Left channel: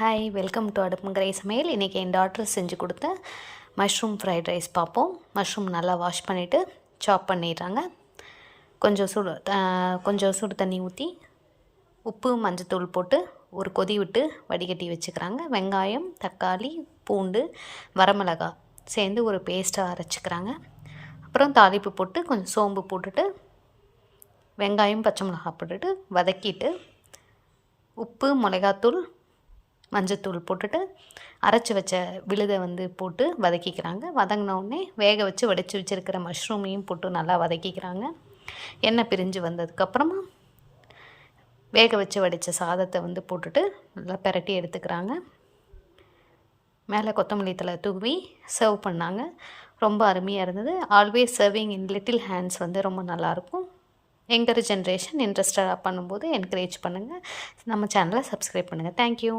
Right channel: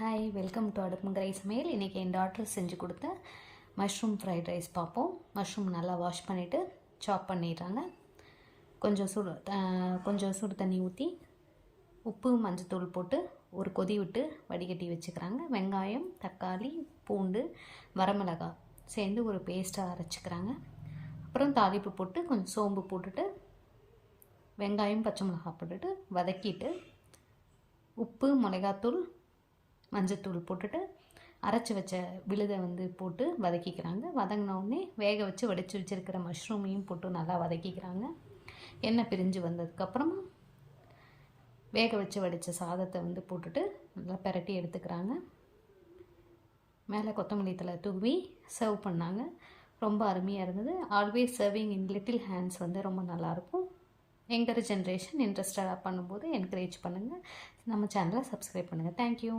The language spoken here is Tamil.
ஹாய், வெல்கம் டு அடுப்புங்கிற சமையல். இன்றைக்கி என் டாக்டர் செஞ்சு கொடுத்த மஷ்ரூம் ஃப்ரைட் ரைஸ் பார்ப்போம். மஷ்ரூம் நல்லா வாஷ் பண்ணிவிட்டு சாப் பண்ணிடுறாங்க. கொஞ்சம் சுடு தண்ணி ஊற்றி உப்பு மஞ்சத்தூள் போட்டு ஒரு கொதி விட்டு வடிகட்டி வச்சுக்கிறாங்க. வெங்காயம், தக்காளி, பூண்டு, வரமிளகாய் சேர்ந்து ஒரு பேஸ்ட்டாக அரைச்சிக்கிறாங்க. அப்புறம் தாளிப்பு போட்டு கொஞ்சம் சோம்பு போட்டுட்டு வெங்காயம், பச்சை மிளகாய் போட்டுட்டு வதக்கிட்டு உப்பு, மிளகாத்தூள், மஞ்சத்தூள் போட்டுட்டு அரைச்சி வச்ச விழுதை போட்டு வதக்கிக்கிறாங்க. வதங்கினோடனே வேக வச்சு வடித்து வச்சுருக்கிற மஷ்ரூமையும் போட்டு நல்லா வதக்கிக்கிறாங்க. எண்ணெய் பிரிஞ்சு வந்ததுக்கப்புறமா வேக வச்சு வடித்த சாதத்தை போட்டுட்டு நல்லா பிரட்டி எடுத்துக்கிறாங்க. மேலே கொத்தமல்லி தழை தூவி சர்வ் பண்ணாங்க. ரொம்ப அருமையாக இருந்தது. Always serving in little hands ரொம்ப நல்லாயிருக்கும். எங்கர் ஜென்ரேஷன் இன்ட்ரெஸ்டடாக பண்ணும்போது என்கரேஜ் பண்ணுங்கள். நம்ம சேனலை சப்ஸ்கிரைப் பண்ணுங்கள். தேங்க்யூ.